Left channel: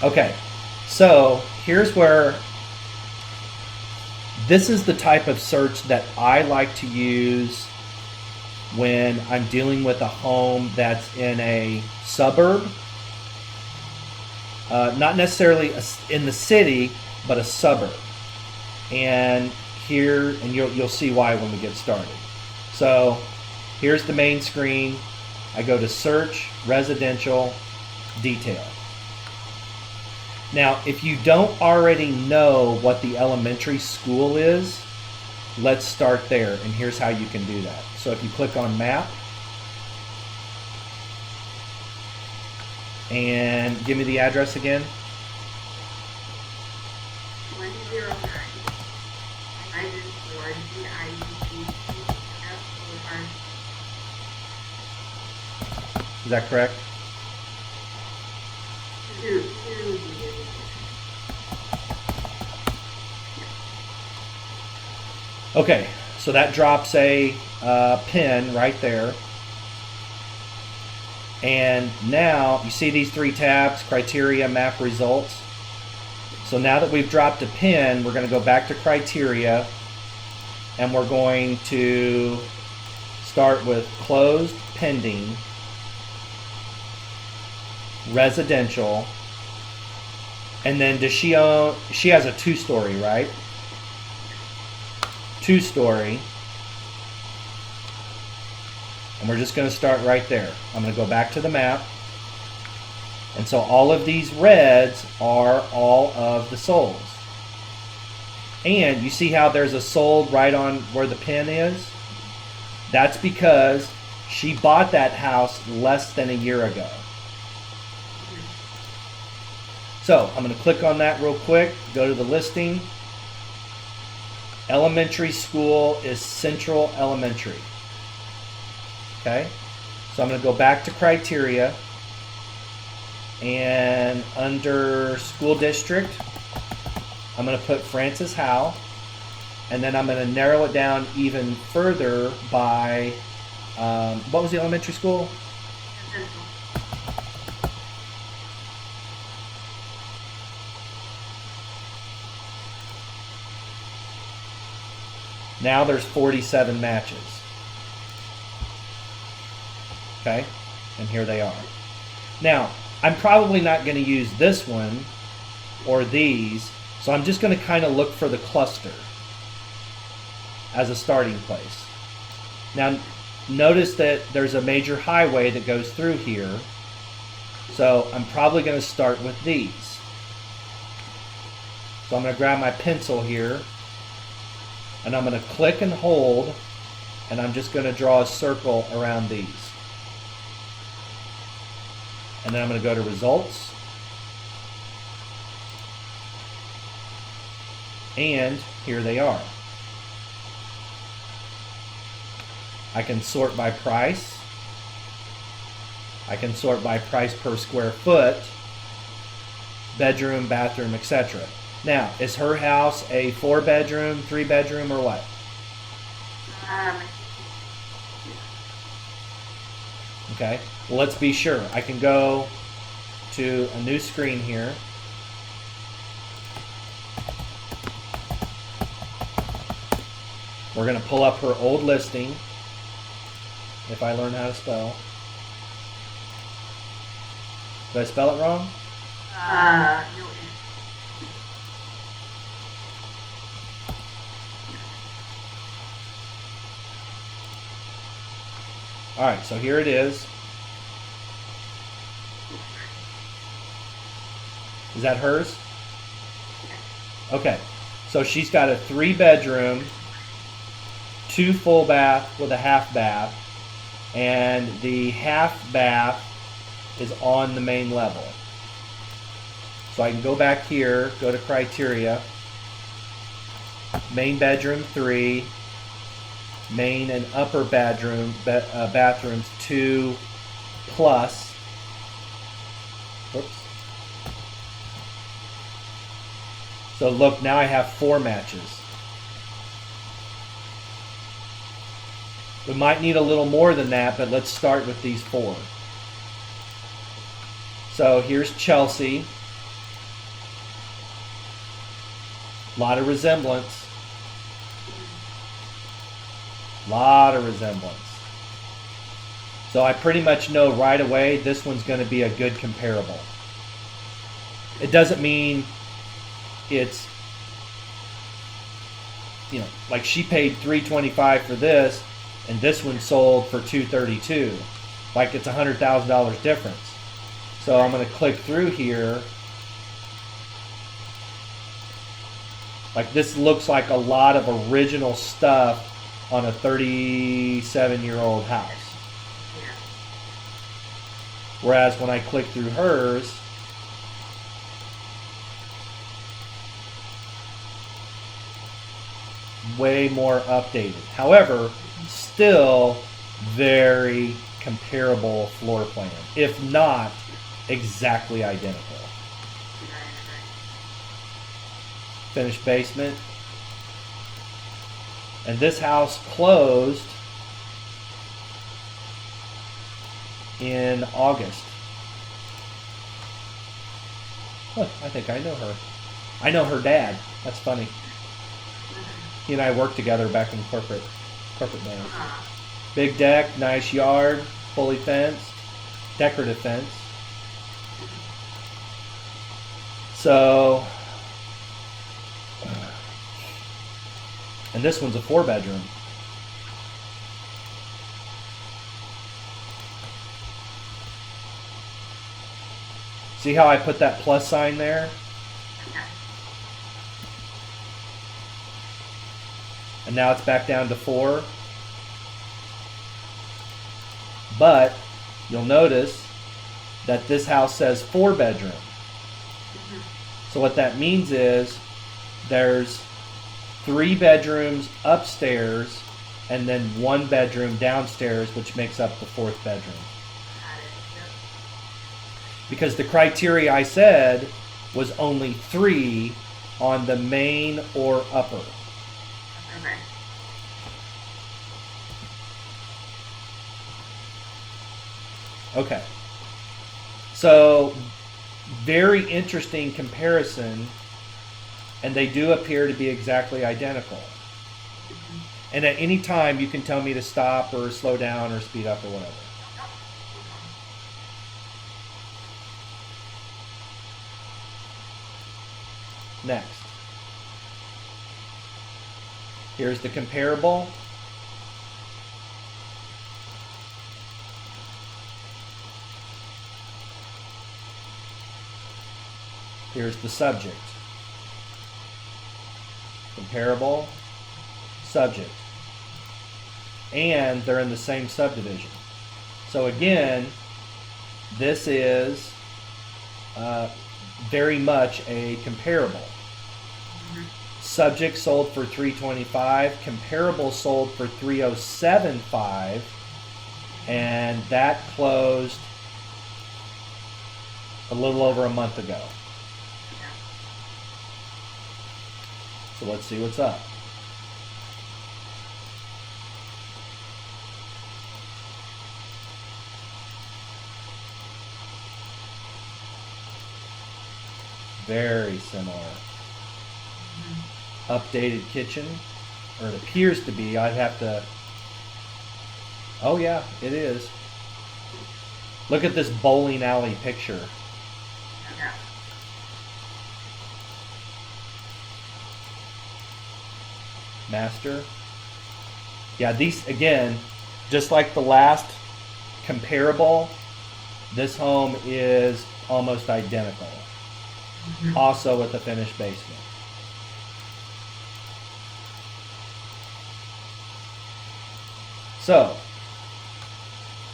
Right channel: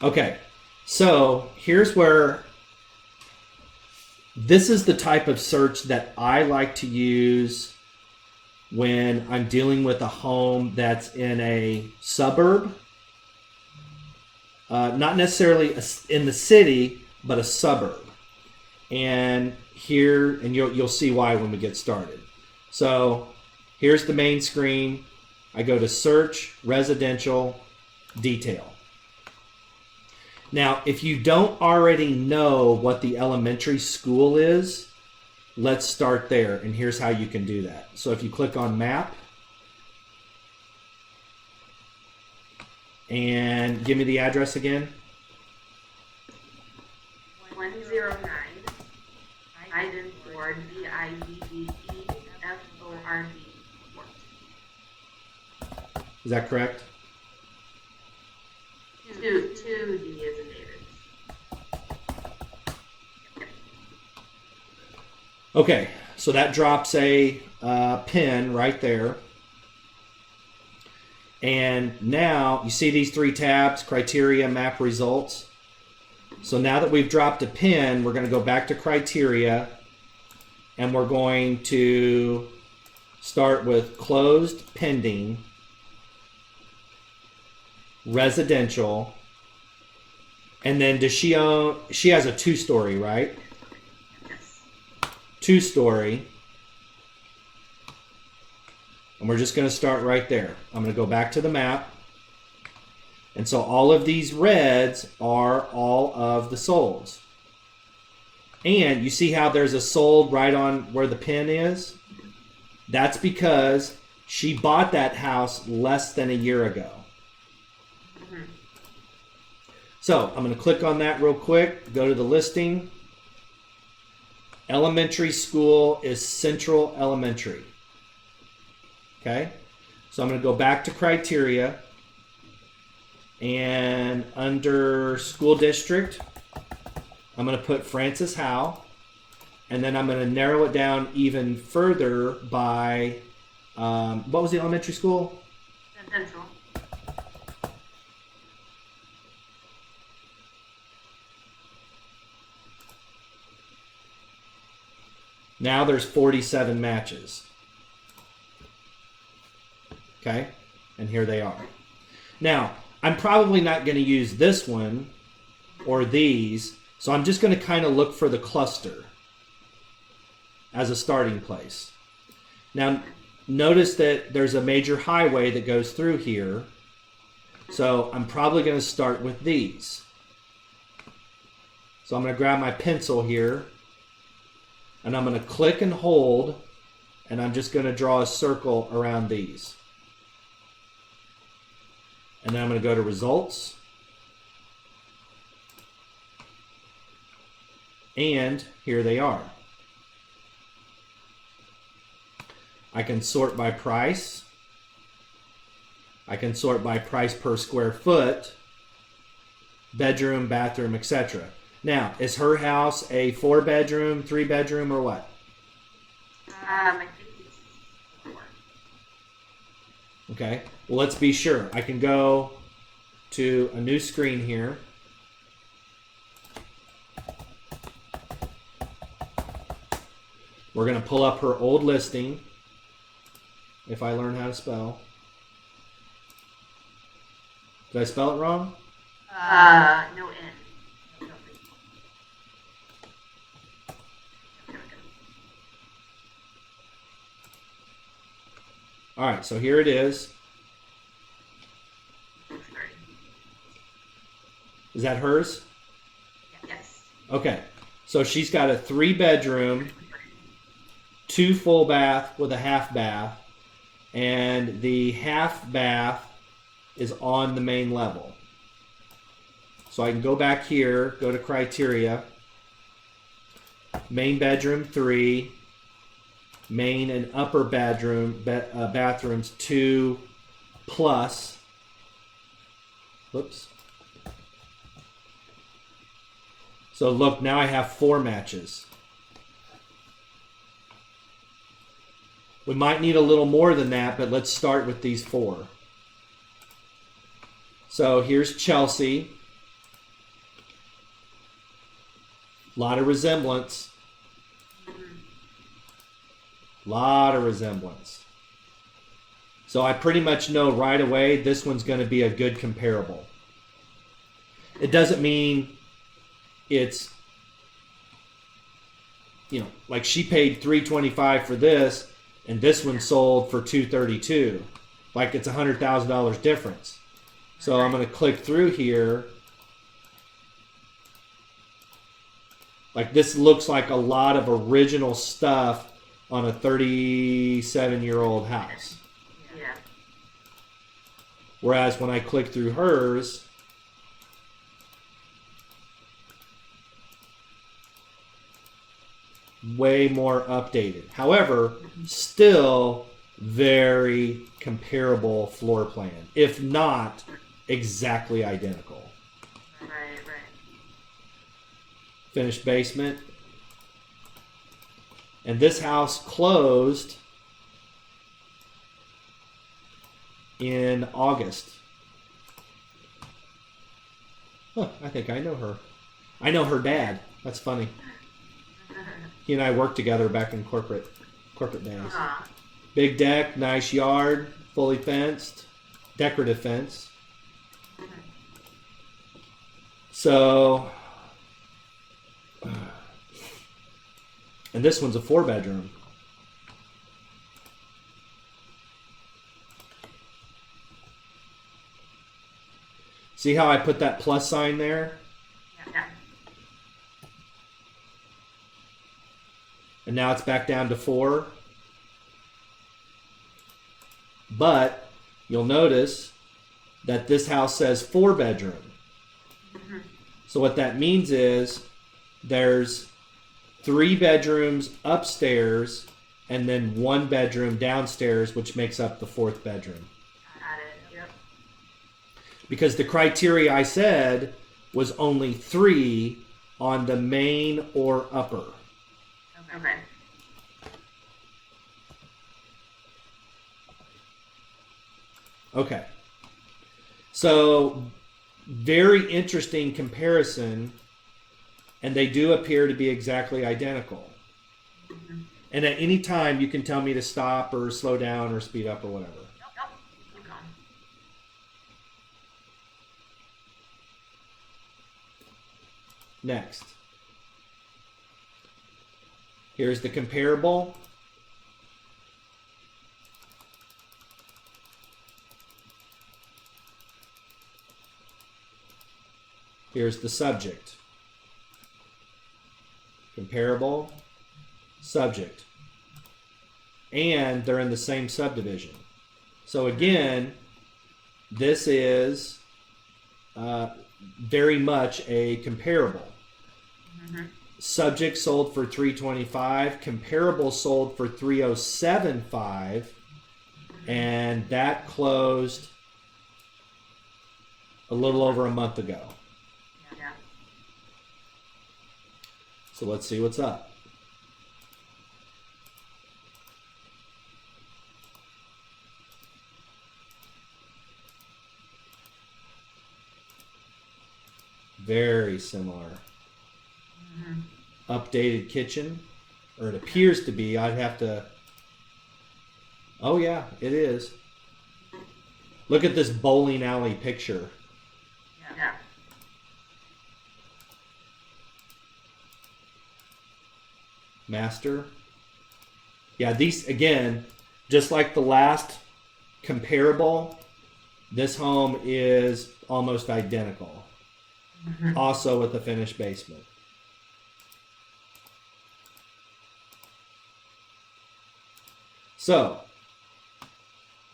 Okay, so here's where this is the type of search that I like to use when I'm dealing with a home that's in a suburb, not necessarily in the city, but a suburb. And here, and you'll see why when we get started. So here's the main screen. I go to search, residential, detail. Now, if you don't already know what the elementary school is, let's start there. And here's how you can do that. So if you click on map and give me the address again. 109 Ivan Ford, DIUGTFOR. Is that correct? Two D. Okay, so that drops a pin right there. And now you see these three tabs: criteria, map, results. So now that we've dropped a pin, we're going to go back to criteria, and we're going to start with closed, pending, residential, and then does she own? She has a 2-story, right? 2-story. And we're just going to start right there. I'm going to go back to the map. And so all of these reds are all of the solds. And you see how there's a sold right on where the pin is? That's because she bought that house less than a year ago. So I'm going to click on that real quick, go to the listing. Elementary school is Central Elementary. Okay, so I'm going to go back to criteria, and under school district, I'm going to put Francis Howe, and then I'm going to narrow it down even further by, what was the elementary school? Central. Now there's 47 matches. Okay, and here they are. Now, I'm probably not going to use this one or these, so I'm just going to kind of look for the cluster as a starting place. Now, notice that there's a major highway that goes through here, so I'm probably going to start with these. So I'm going to grab my pencil here, and I'm going to click and hold, and I'm just going to draw a circle around these. And then I'm going to go to results. And here they are. I can sort by price. I can sort by price per square foot, bedroom, bathroom, etc. Now, is her house a 4-bedroom, 3-bedroom, or what? Okay, well, let's be sure. I can go to a new screen here. We're going to pull up her old listing, if I learn how to spell. Did I spell it wrong? No. All right, so here it is. Is that hers? Okay, so she's got a 3-bedroom, 2 full bath with a half bath, and the half bath is on the main level. So I can go back here, go to criteria, main bedroom 3, main and upper bedroom bathrooms 2 plus. Whoops. So look, now I have 4 matches. We might need a little more than that, but let's start with these 4. So here's Chelsea. Lot of resemblance. Lot of resemblance. So I pretty much know right away this one's going to be a good comparable. It doesn't mean it's, you know, like she paid $325 for this and this one sold for $232. Like it's $100,000 difference. So I'm going to click through here. Like this looks like a lot of original stuff on a 37-year-old house. Yeah. Whereas when I click through hers, way more updated. However, still very comparable floor plan, if not exactly identical. Right, right. Finished basement. And this house closed in August. Huh, I think I know her. I know her dad. That's funny. He and I worked together back in corporate days. Uh-huh. Big deck, nice yard, fully fenced, decorative fence. So, and this one's a 4-bedroom. See how I put that plus sign there? Okay. And now it's back down to 4. But you'll notice that this house says 4-bedroom. Mm-hmm. So what that means is there's 3 bedrooms upstairs and then 1 bedroom downstairs, which makes up the 4th bedroom. Got it. Yep. Because the criteria I said was only 3 on the main or upper. Okay. Okay. So, very interesting comparison, and they do appear to be exactly identical. Mm-hmm. And at any time, you can tell me to stop or slow down or speed up or whatever. Next. Here's the comparable. Here's the subject. Comparable, subject. And they're in the same subdivision. So again, this is very much a comparable. Mm-hmm. Subject sold for $325, comparable sold for $307.5, and that closed a little over a month ago. Yeah. So let's see what's up. Very similar. Mm-hmm. Updated kitchen, or it appears to be. I'd have to. Oh yeah, it is. Look at this bowling alley picture. Yeah. Master. Yeah, these again, just like the last comparable, this home is almost identical. Mm-hmm. Also with a finished basement. So,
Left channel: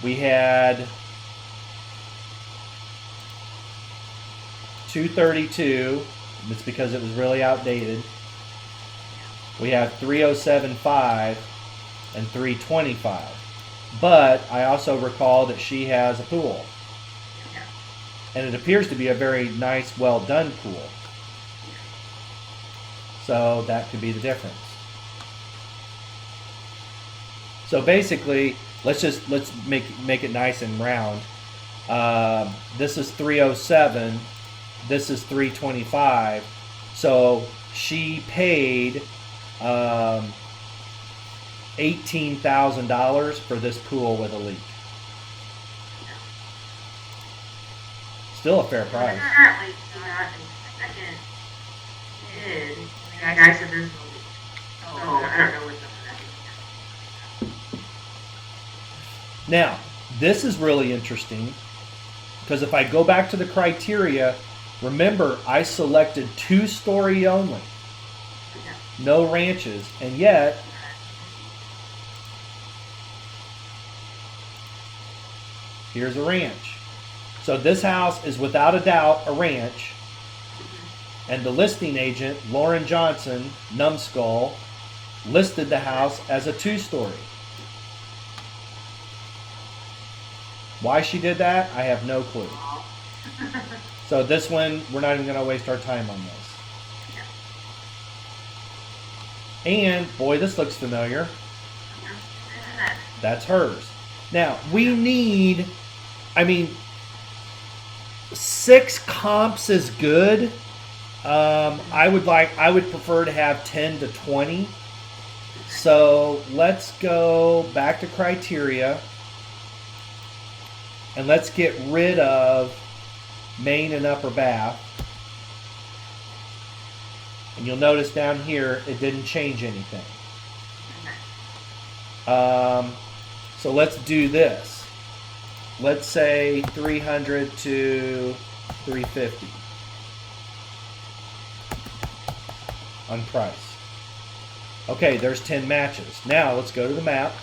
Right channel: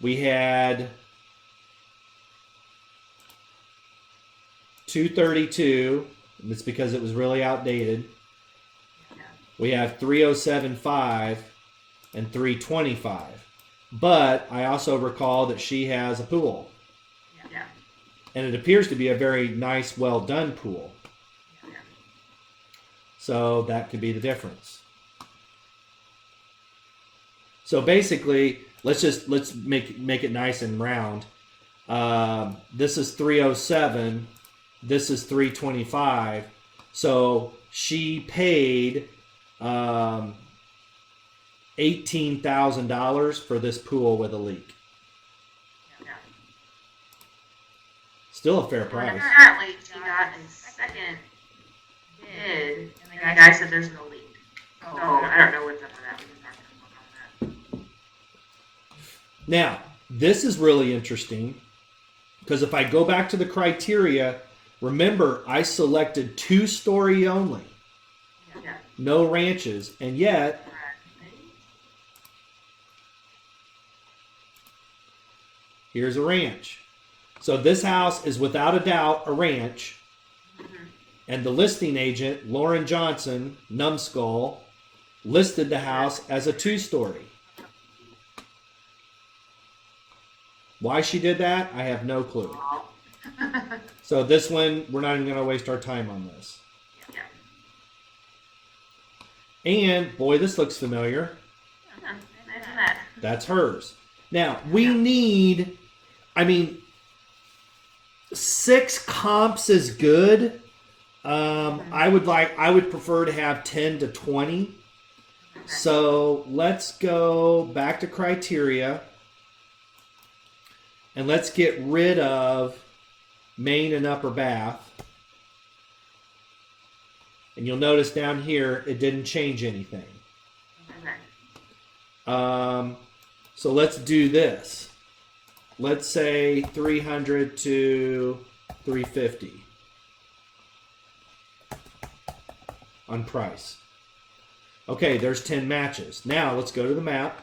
we had 232. That's because it was really outdated. We have 307.5 and 325. But I also recall that she has a pool. Yeah. And it appears to be a very nice, well done pool. So that could be the difference. So basically, let's make it nice and round. This is 307. This is 325. So she paid $18,000 for this pool with a leak. Still a fair price. Apparently, she got a second bid, and the guy said there's no leak. So I don't know what that means. Now, this is really interesting because if I go back to the criteria, remember I selected 2-story only, no ranches, and yet here's a ranch. So this house is without a doubt a ranch, and the listing agent, Lauren Johnson, Numbskull, listed the house as a 2-story. Why she did that, I have no clue. So this one, we're not even going to waste our time on this. And, boy, this looks familiar. That's hers. Now, we need, 6 comps is good. I would prefer to have 10 to 20. So let's go back to criteria. And let's get rid of main and upper bath. And you'll notice down here, it didn't change anything. So let's do this. Let's say 300 to 350 on price. Okay, there's 10 matches. Now let's go to the map.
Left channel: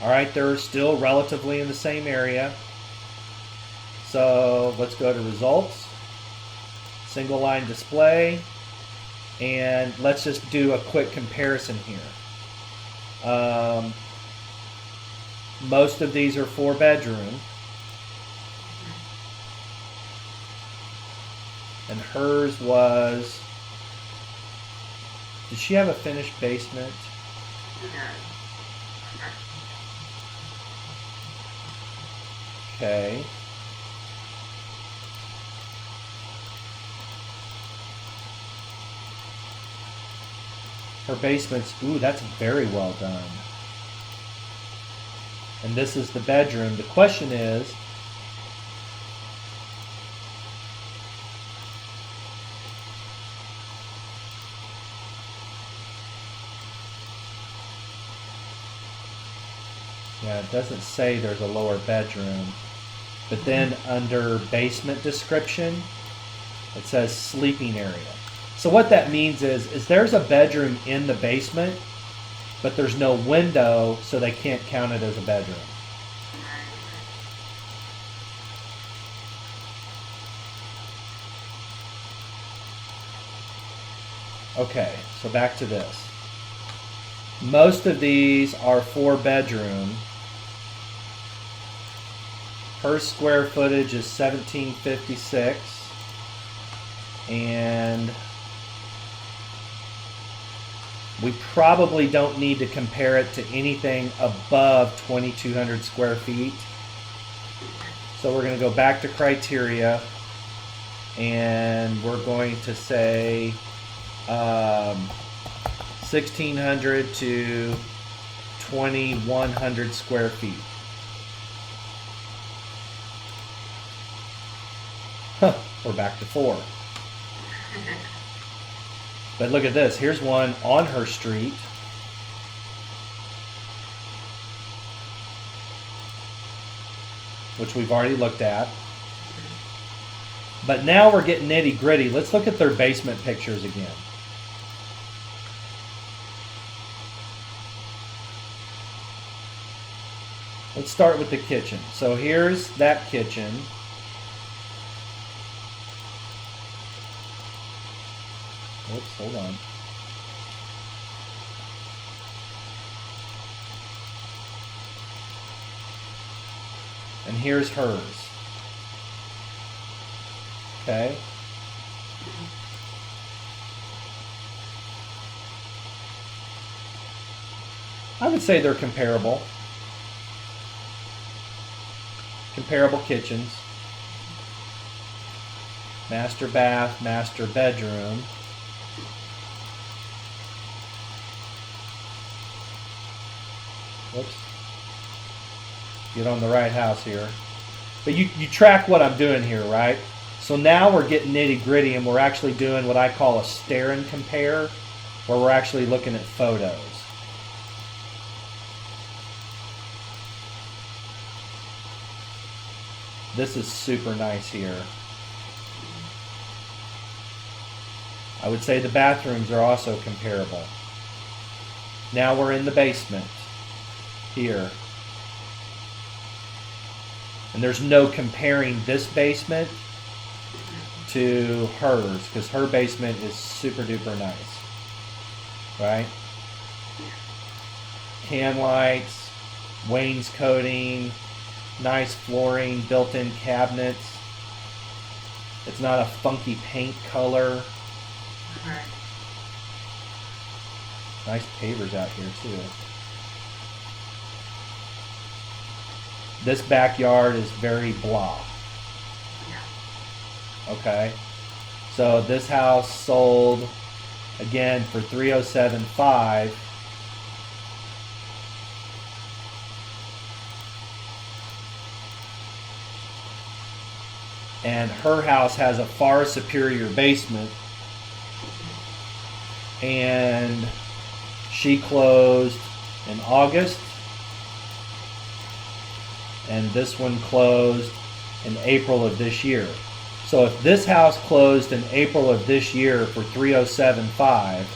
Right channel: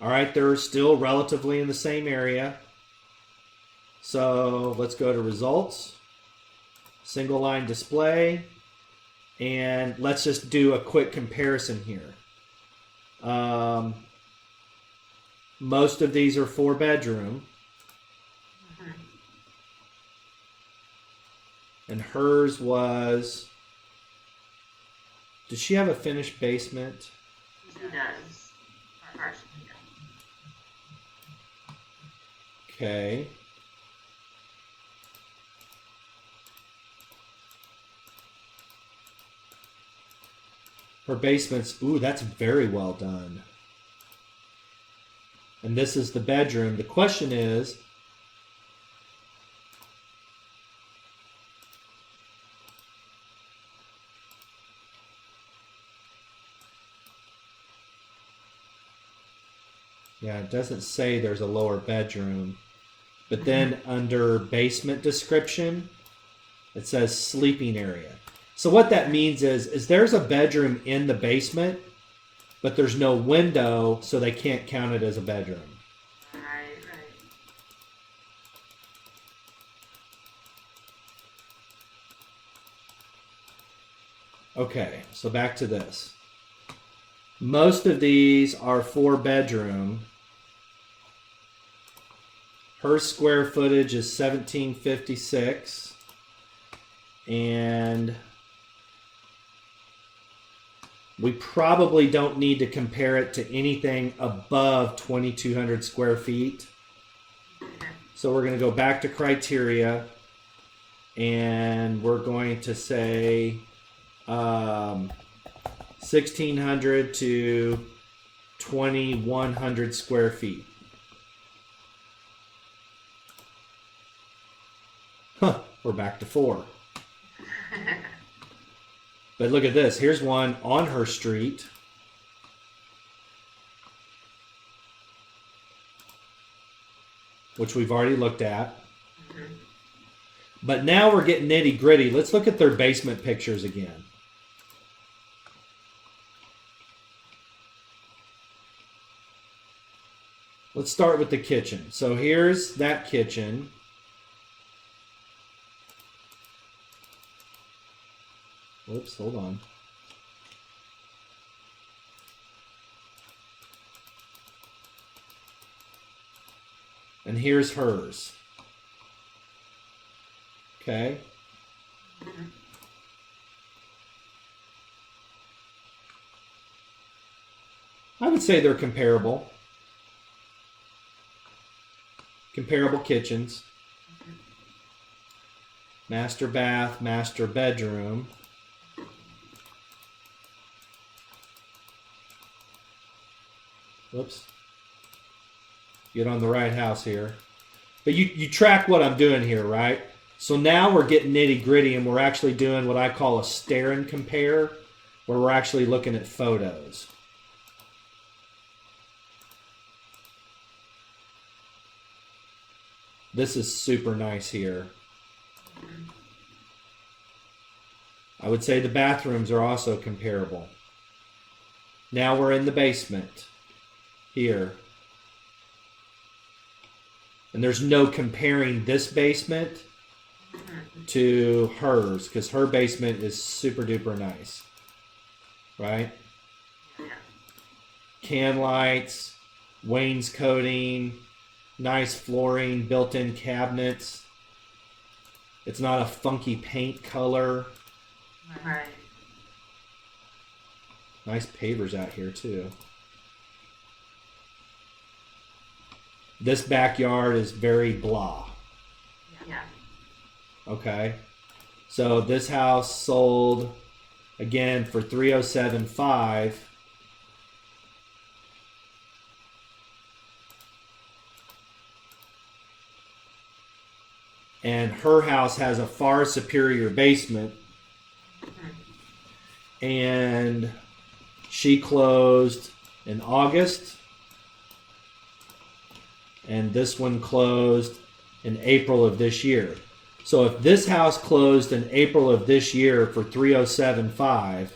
All right, they're still relatively in the same area. So let's go to results, single line display, and let's just do a quick comparison here. Most of these are 4-bedroom. And hers was, did she have a finished basement? She does. Okay. Her basement's, ooh, that's very well done. And this is the bedroom. The question is, yeah, it doesn't say there's a lower bedroom. But then under basement description, it says sleeping area. So what that means is there's a bedroom in the basement, but there's no window, so they can't count it as a bedroom. Okay, so back to this. Most of these are 4-bedroom. Her square footage is 1756. And we probably don't need to compare it to anything above 2,200 square feet. So we're going to go back to criteria, and we're going to say 1,600 to 2,100 square feet. Huh, we're back to 4. But look at this. Here's one on her street. Which we've already looked at. But now we're getting nitty gritty. Let's look at their basement pictures again. Let's start with the kitchen. So here's that kitchen. Oops, hold on. And here's hers. Okay. I would say they're comparable. Comparable kitchens. Master bath, master bedroom. Whoops. Get on the right house here. But you track what I'm doing here, right? So now we're getting nitty gritty and we're actually doing what I call a stare and compare, where we're actually looking at photos. This is super nice here. I would say the bathrooms are also comparable. Now we're in the basement here. And there's no comparing this basement to hers, because her basement is super duper nice. Right? Can lights, wainscoting, nice flooring, built-in cabinets. It's not a funky paint color. Right. Nice pavers out here too. This backyard is very blah. Yeah. Okay. So this house sold again for $307,500. And her house has a far superior basement. And she closed in August. And this one closed in April of this year. So if this house closed in April of this year for $307,500,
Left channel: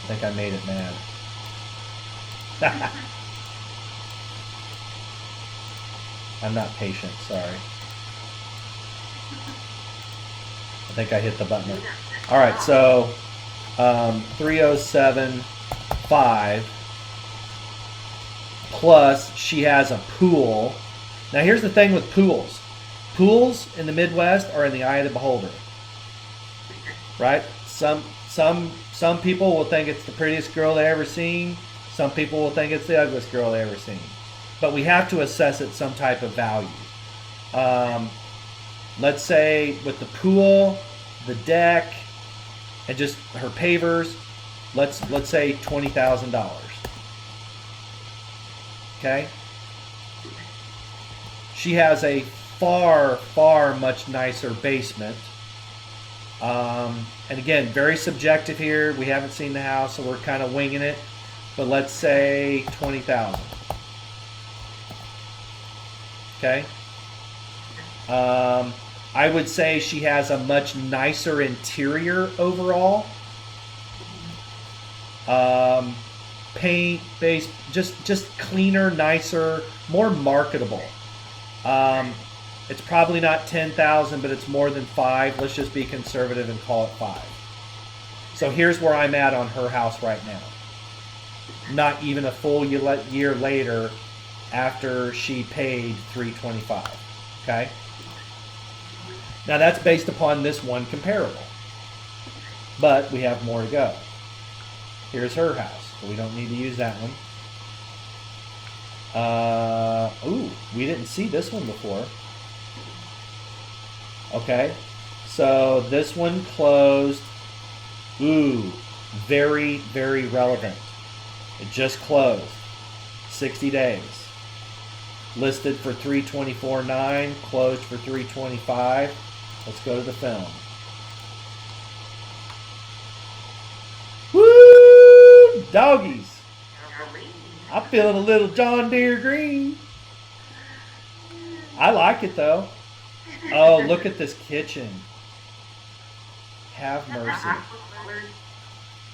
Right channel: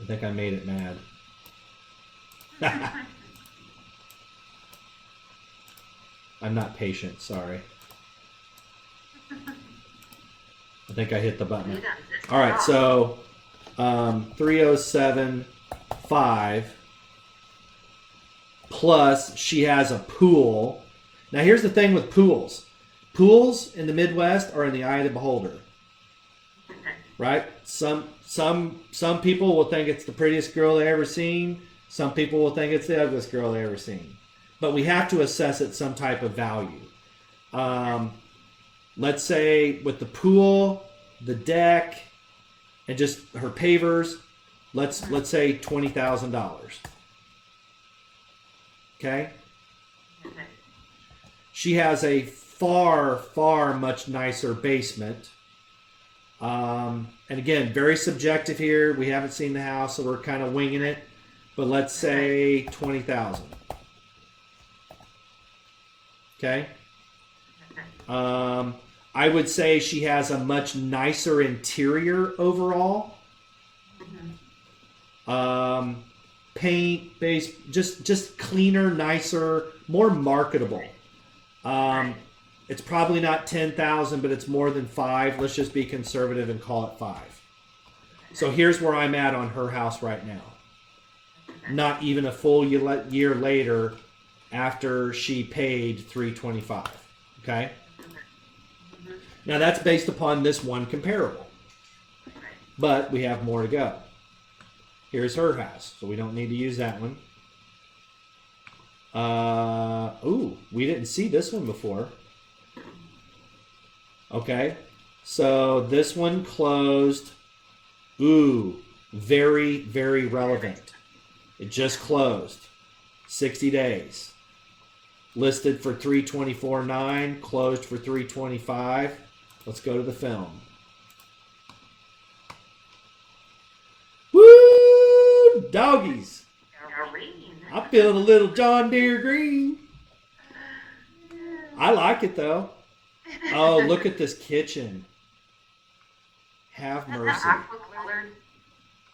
I think I made it mad. I'm not patient, sorry. I think I hit the button. All right, so 307,500 plus she has a pool. Now here's the thing with pools. Pools in the Midwest are in the eye of the beholder. Right? Some people will think it's the prettiest girl they ever seen. Some people will think it's the ugliest girl they ever seen. But we have to assess it some type of value. Let's say with the pool, the deck, and just her pavers, let's say $20,000. Okay? She has a far much nicer basement. And again, very subjective here. We haven't seen the house, so we're kind of winging it. But let's say $20,000. Okay. I would say she has a much nicer interior overall. Paint, base, just cleaner, nicer, more marketable. It's probably not 10,000, but it's more than 5. Let's just be conservative and call it 5. So here's where I'm at on her house right now. Not even a full year later, after she paid $325,000. Okay. Now that's based upon this one comparable, but we have more to go. Here's her house, so we don't need to use that one. Ooh, we didn't see this one before. Okay, so this one closed. Ooh, very relevant. It just closed. 60 days. Listed for $324,900, closed for $325,000. Let's go to the film. Woo! Doggies! I'm feeling a little John Deere green. I like it though. Oh, look at this kitchen. Have mercy.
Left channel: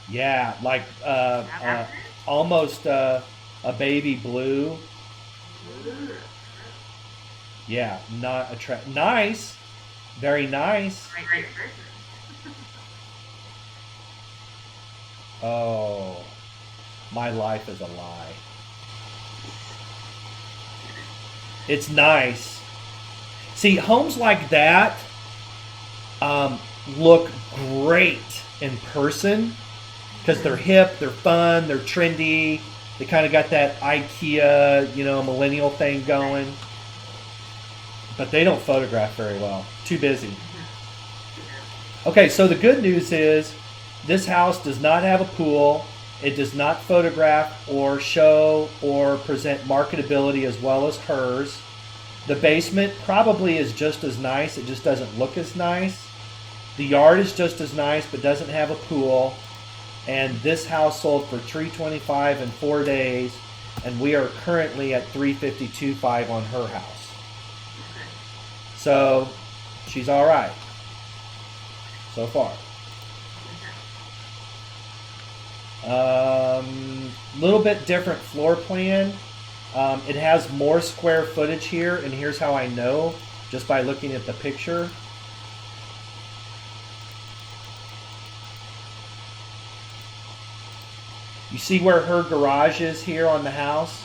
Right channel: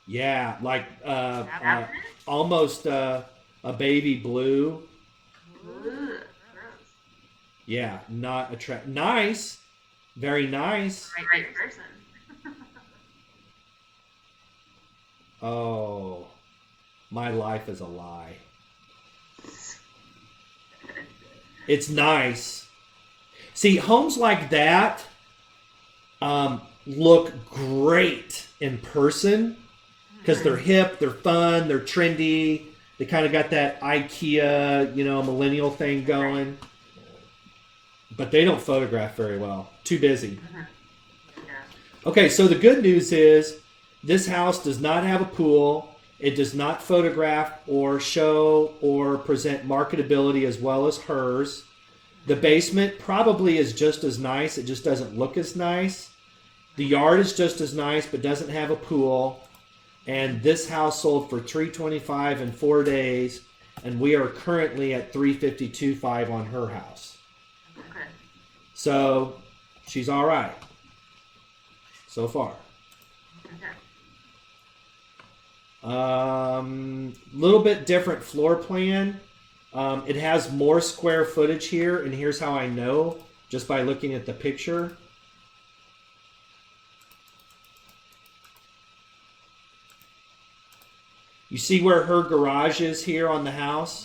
Yeah, like almost a baby blue. Yeah, not attract. Nice, very nice. Right. Oh, my life is a lie. It's nice. See, homes like that, look great in person because they're hip, they're fun, they're trendy. They kind of got that IKEA, millennial thing going. But they don't photograph very well. Too busy. Okay, so the good news is this house does not have a pool. It does not photograph or show or present marketability as well as hers. The basement probably is just as nice. It just doesn't look as nice. The yard is just as nice but doesn't have a pool. And this house sold for $325 in 4 days, and we are currently at $352.5 on her house. Okay. So she's all right so far. Little bit different floor plan. It has more square footage here, and here's how I know just by looking at the picture. You see where her garage is here on the house?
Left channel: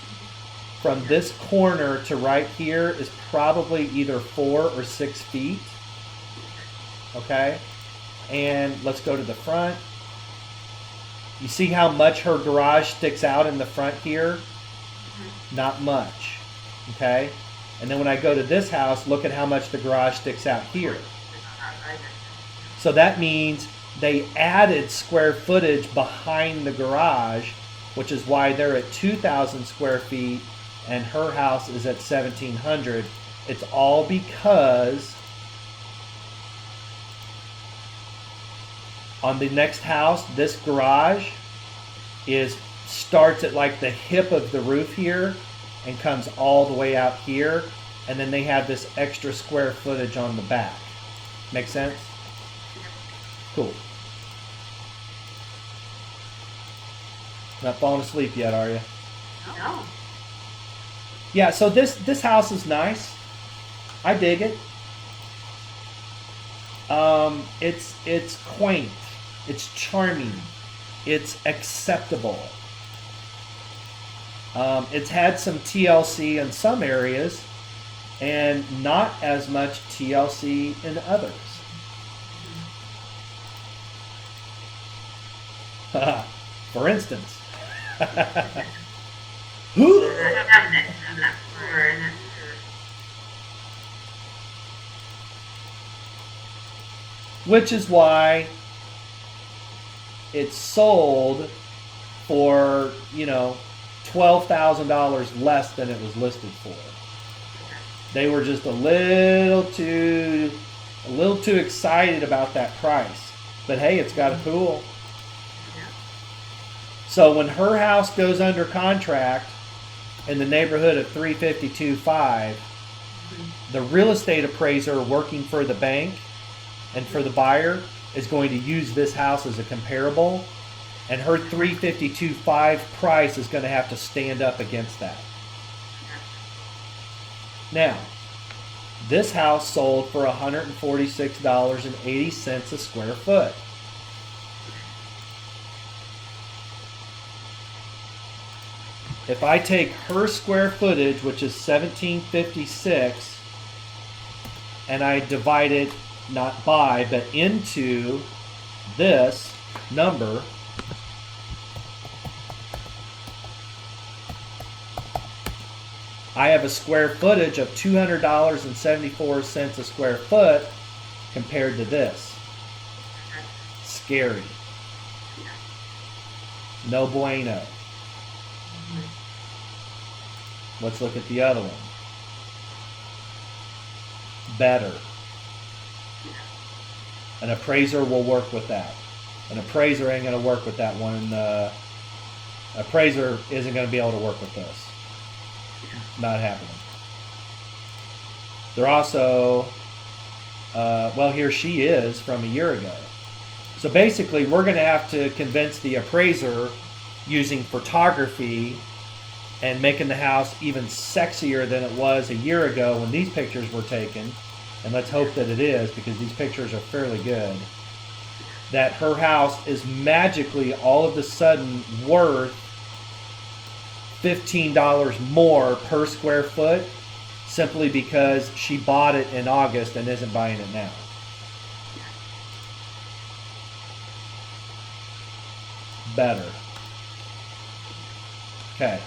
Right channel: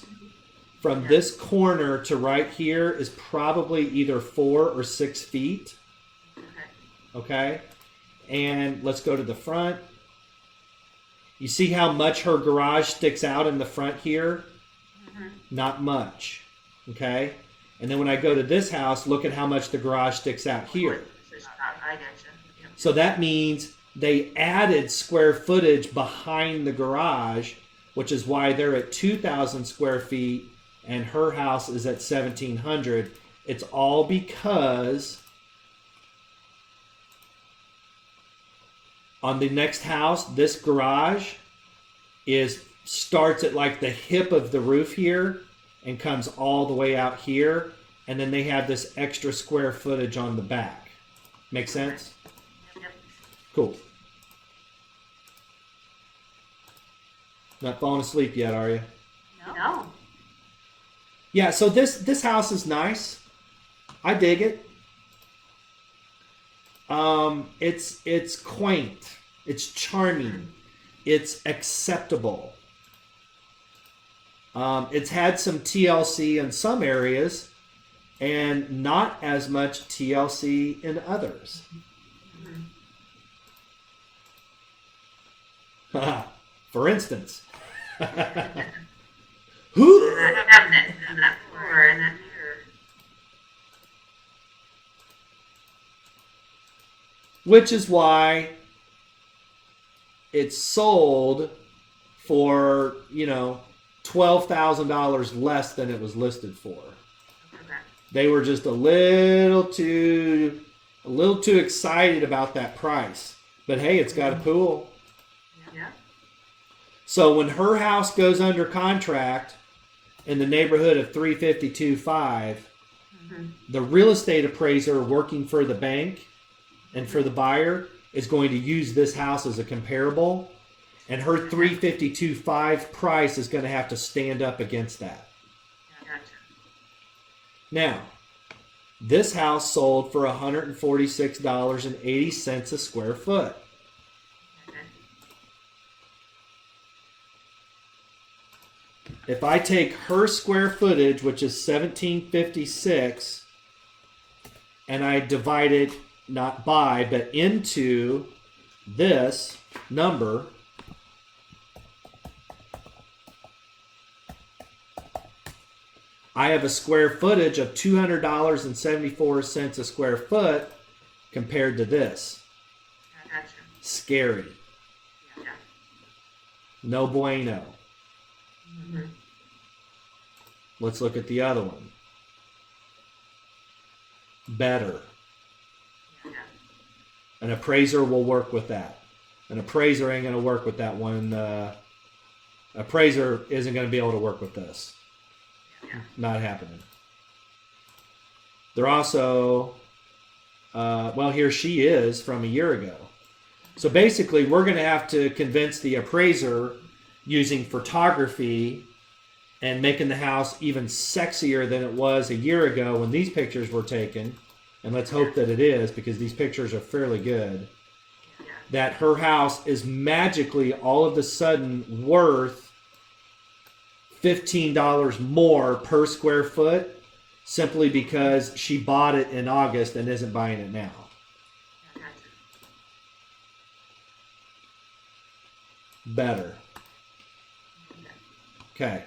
From this corner to right here is probably either 4 or 6 feet. Okay? And let's go to the front. You see how much her garage sticks out in the front here? Not much. Okay? And then when I go to this house, look at how much the garage sticks out here. So that means they added square footage behind the garage, which is why they're at 2,000 square feet and her house is at 1,700. It's all because on the next house, this garage starts at like the hip of the roof here and comes all the way out here, and then they have this extra square footage on the back. Make sense? Cool. Not falling asleep yet, are you? No. Yeah, so this house is nice. I dig it. It's quaint. It's charming. It's acceptable. It's had some TLC in some areas and not as much TLC in others. For instance. Which is why it's sold for, $12,000 less than it was listed for. They were just a little too excited about that price. But hey, it's got a pool. So when her house goes under contract in the neighborhood of $352.5, the real estate appraiser working for the bank and for the buyer is going to use this house as a comparable, and her $352.5 price is going to have to stand up against that. Now, this house sold for $146.80 a square foot. If I take her square footage, which is 1756, and I divide it not by, but into this number, I have a square footage of $200.74 a square foot compared to this. Scary. No bueno. Let's look at the other one. Better. An appraiser will work with that. An appraiser ain't going to work with that one. Appraiser isn't going to be able to work with this. Not happening. They're also, here she is from a year ago. So basically, we're going to have to convince the appraiser using photography and making the house even sexier than it was a year ago when these pictures were taken, and let's hope that it is because these pictures are fairly good, that her house is magically all of a sudden worth $15 more per square foot simply because she bought it in August and isn't buying it now. better. Okay.